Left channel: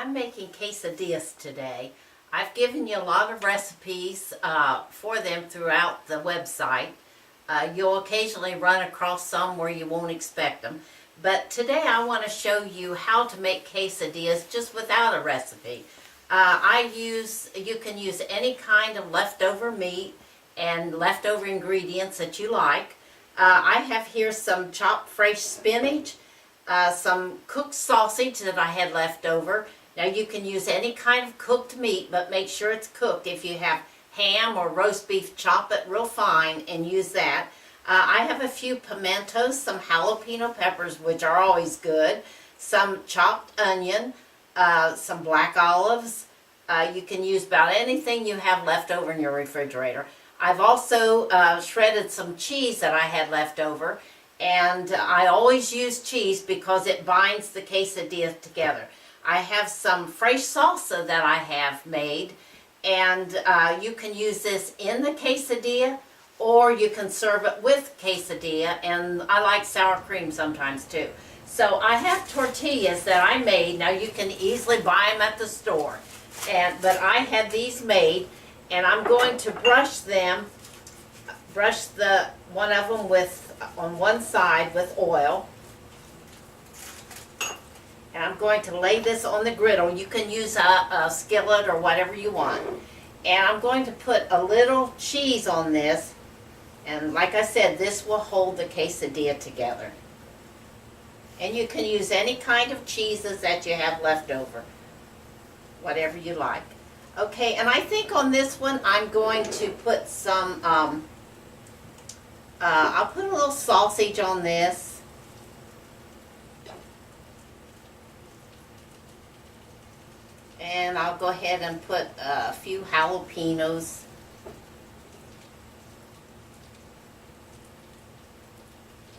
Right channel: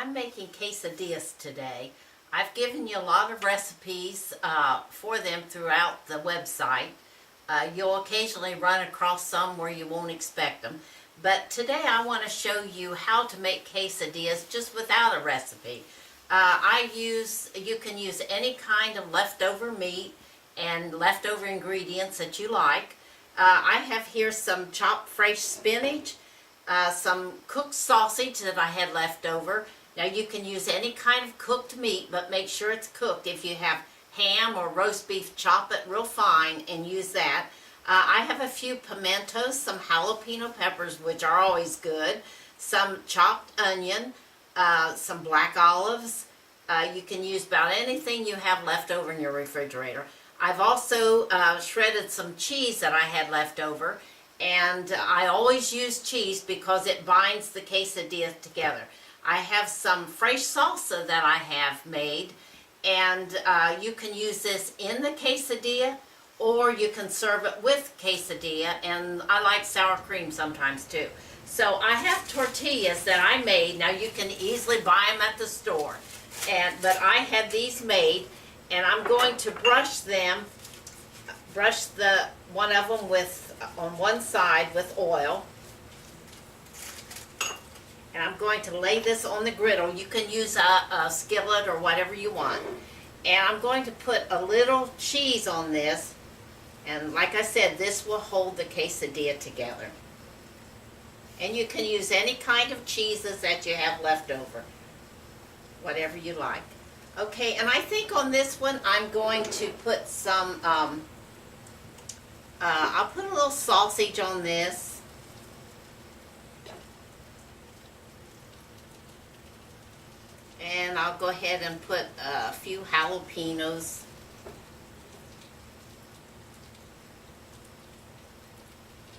I'm making quesadillas today. I've given you a lot of recipes for them throughout the website. You'll occasionally run across some where you won't expect them. But today I want to show you how to make quesadillas just without a recipe. You can use any kind of leftover meat and leftover ingredients that you like. I have here some chopped fresh spinach, some cooked sausage that I had left over. Now you can use any kind of cooked meat, but make sure it's cooked. If you have ham or roast beef, chop it real fine and use that. I have a few pimentos, some jalapeno peppers, which are always good, some chopped onion, some black olives. You can use about anything you have left over in your refrigerator. I've also shredded some cheese that I had left over, and I always use cheese because it binds the quesadilla together. I have some fresh salsa that I have made, and you can use this in the quesadilla, or you can serve it with quesadilla, and I like sour cream sometimes too. So I have tortillas that I made. Now you can easily buy them at the store, but I had these made, and I'm going to brush one of them on one side with oil. And I'm going to lay this on the griddle. You can use a skillet or whatever you want. And I'm going to put a little cheese on this. And like I said, this will hold the quesadilla together. And you can use any kind of cheeses that you have left over. Whatever you like. Okay, and I think on this one I'm going to put some, I'll put a little sausage on this. And I'll go ahead and put a few jalapenos.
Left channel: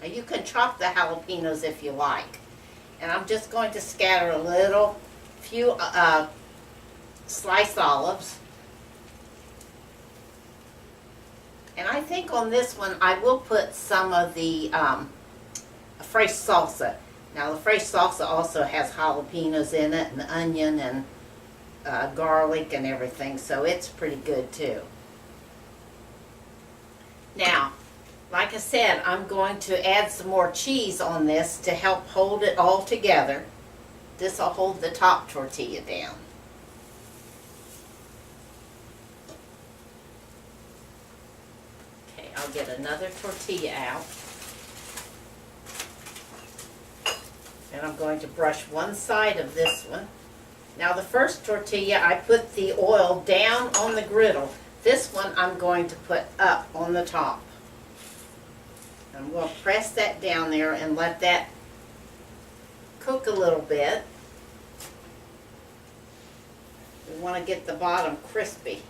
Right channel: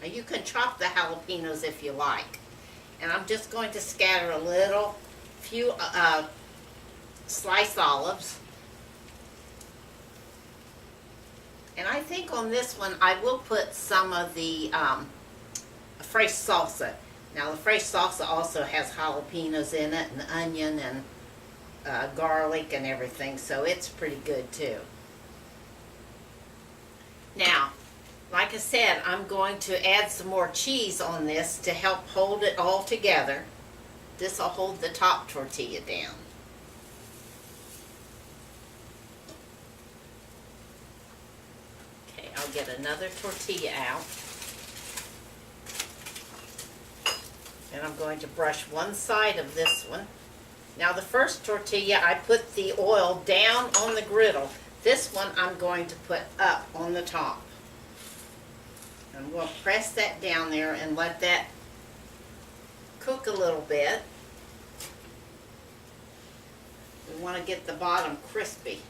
Now you can chop the jalapenos if you like. And I'm just going to scatter a few sliced olives. And I think on this one I will put some of the fresh salsa. Now the fresh salsa also has jalapenos in it, and onion, and garlic and everything, so it's pretty good too. Now, like I said, I'm going to add some more cheese on this to help hold it all together. This will hold the top tortilla down. Okay, I'll get another tortilla out. And I'm going to brush one side of this one. Now the first tortilla, I put the oil down on the griddle. This one I'm going to put up on the top. I'm going to press that down there and let that cook a little bit. We want to get the bottom crispy.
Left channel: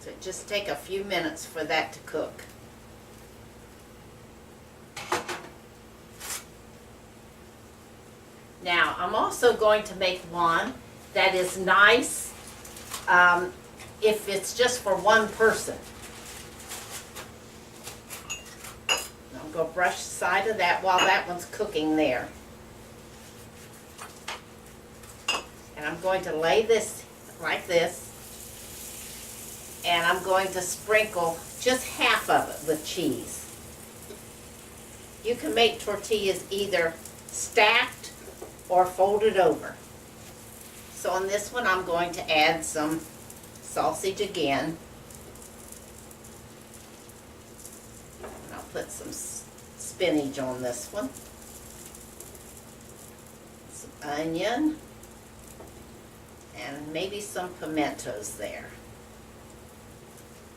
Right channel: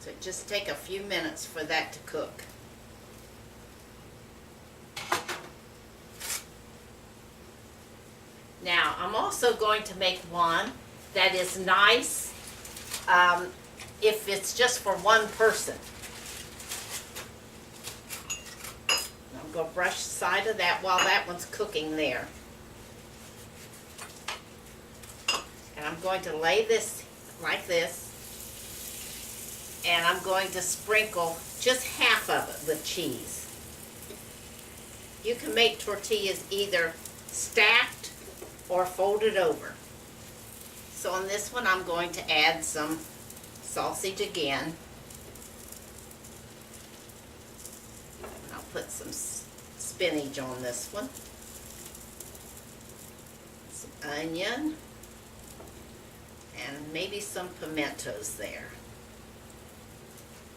So just take a few minutes for that to cook. Now, I'm also going to make one that is nice if it's just for one person. I'm going to brush the side of that while that one's cooking there. And I'm going to lay this like this. And I'm going to sprinkle just half of it with cheese. You can make tortillas either stacked or folded over. So on this one I'm going to add some sausage again. And I'll put some spinach on this one. Some onion. And maybe some pimentos there.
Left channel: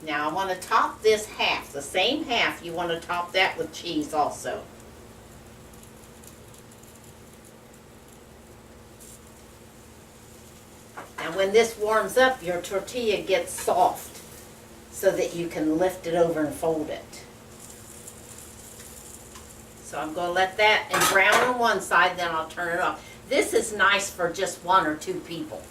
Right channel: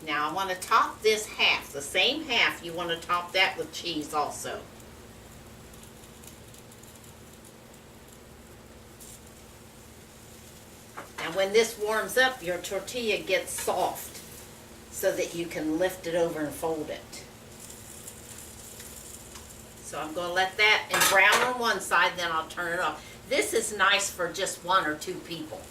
Now I want to top this half, the same half, you want to top that with cheese also. And when this warms up, your tortilla gets soft so that you can lift it over and fold it. So I'm going to let that and brown on one side, then I'll turn it off. This is nice for just one or two people.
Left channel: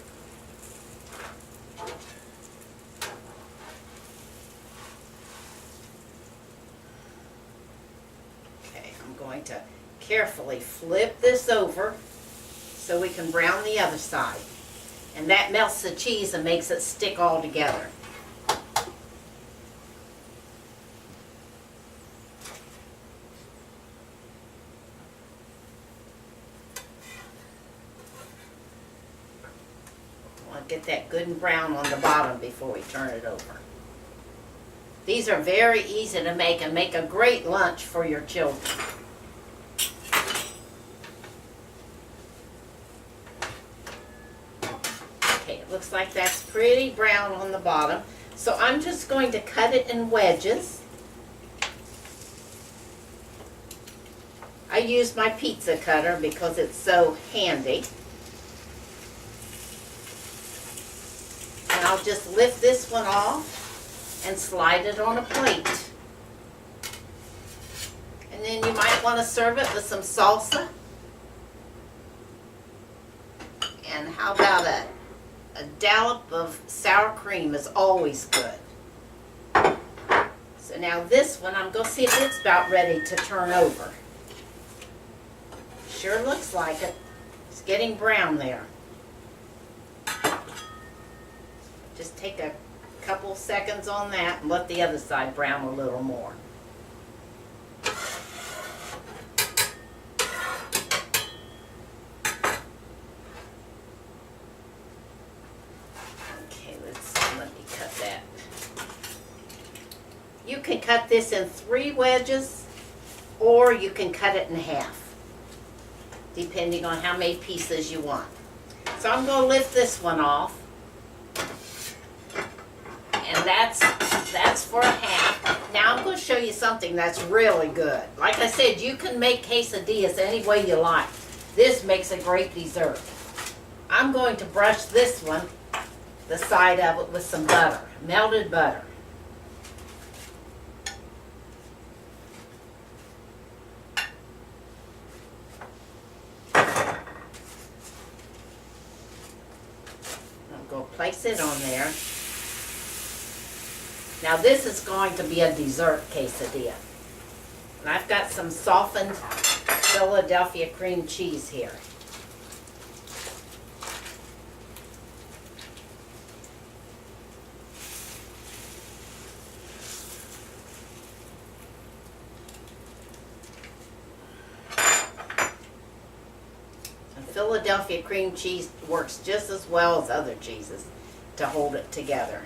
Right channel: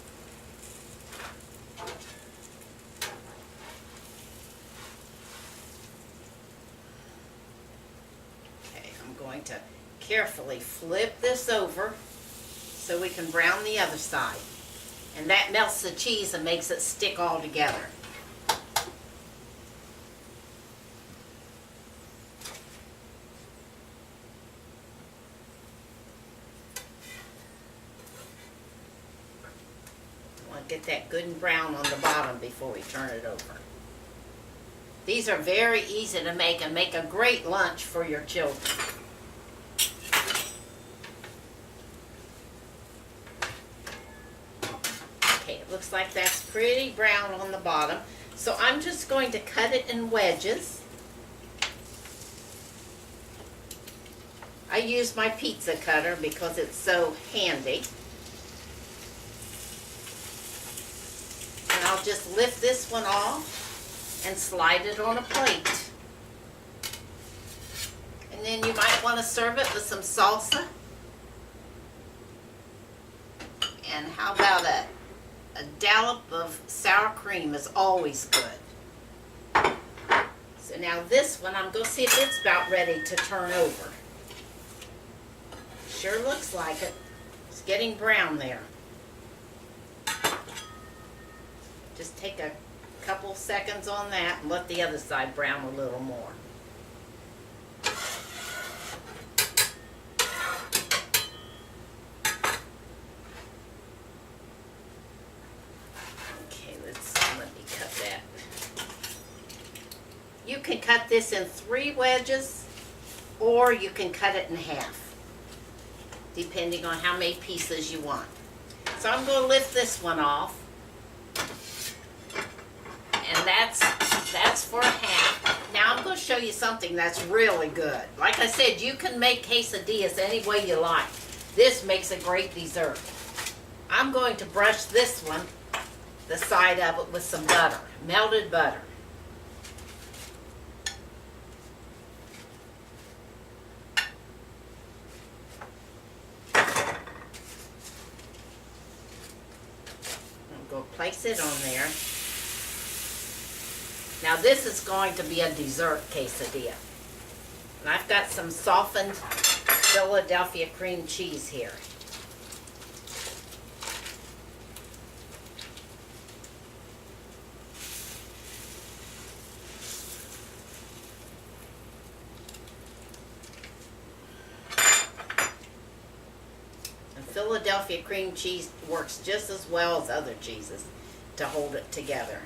Okay, I'm going to carefully flip this over so we can brown the other side. And that melts the cheese and makes it stick all together. Get that good and brown on the bottom before we turn it over. These are very easy to make and make a great lunch for your children. Okay, it looks like that's pretty brown on the bottom. So I'm just going to cut it in wedges. I use my pizza cutter because it's so handy. And I'll just lift this one off and slide it on a plate. And then you might want to serve it with some salsa. And how about a dollop of sour cream is always good. So now this one, I'm going to see if it's about ready to turn over. Sure looks like it. It's getting brown there. Just take a couple seconds on that and let the other side brown a little more. Okay, let me cut that. You can cut this in 3 wedges, or you can cut it in half, depending on how many pieces you want. So I'm going to lift this one off. And that's for a half. Now I'm going to show you something that's really good. Like I said, you can make quesadillas any way you like. This makes a great dessert. I'm going to brush this one, the side of it, with some butter, melted butter. I'm going to place it on there. Now this is going to be a dessert quesadilla. And I've got some softened Philadelphia cream cheese here. And Philadelphia cream cheese works just as well as other cheeses to hold it together.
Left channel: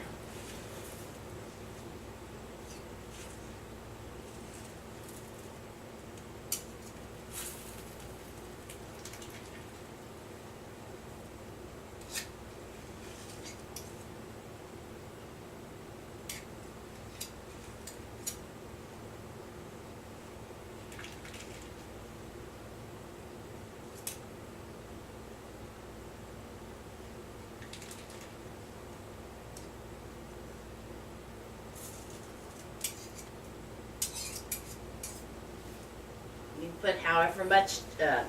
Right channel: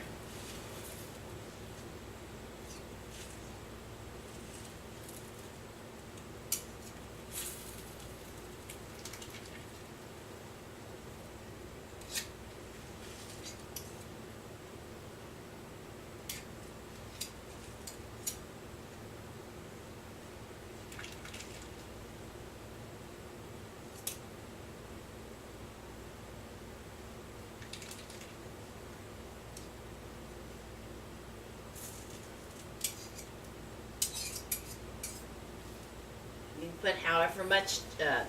You put however much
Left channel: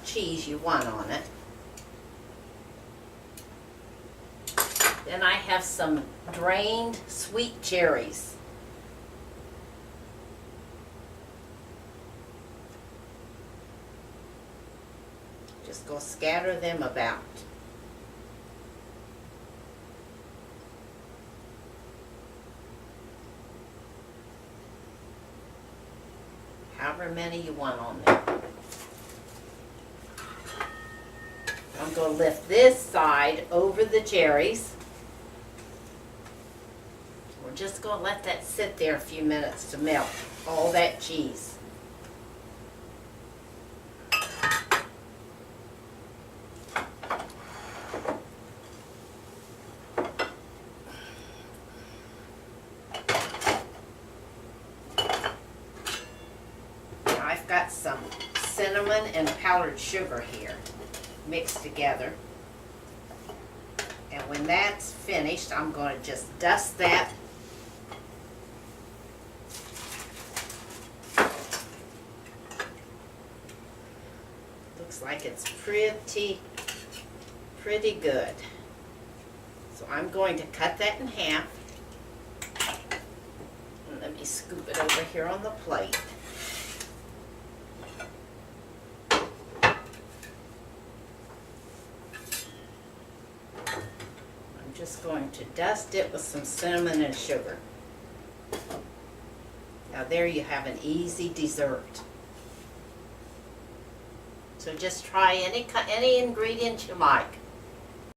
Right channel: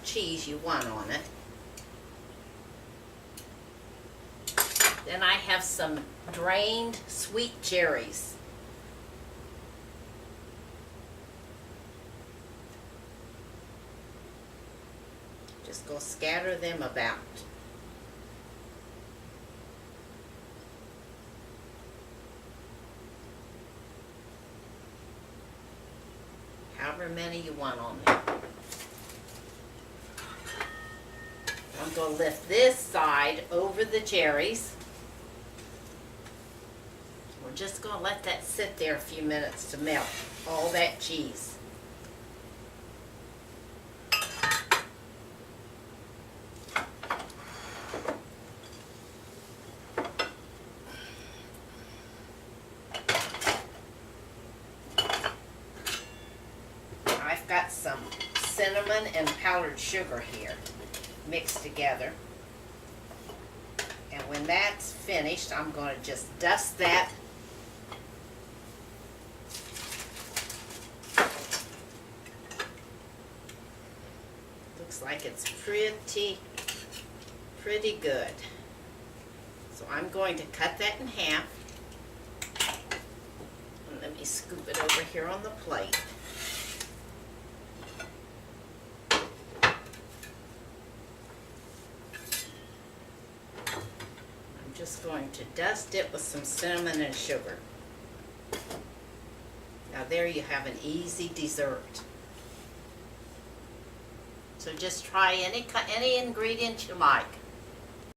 cheese you want on it. Then I have some drained sweet cherries. Just go scatter them about. However many you want on there. I'm going to lift this side over the cherries. We're just going to let that sit there a few minutes to melt all that cheese. I've got some cinnamon and powdered sugar here mixed together. And when that's finished, I'm going to just dust that looks like it's pretty good. So I'm going to cut that in half. And let me scoop it over here on the plate. Just going to dust it with some cinnamon and sugar. Now there you have an easy dessert. So just try any ingredient you like.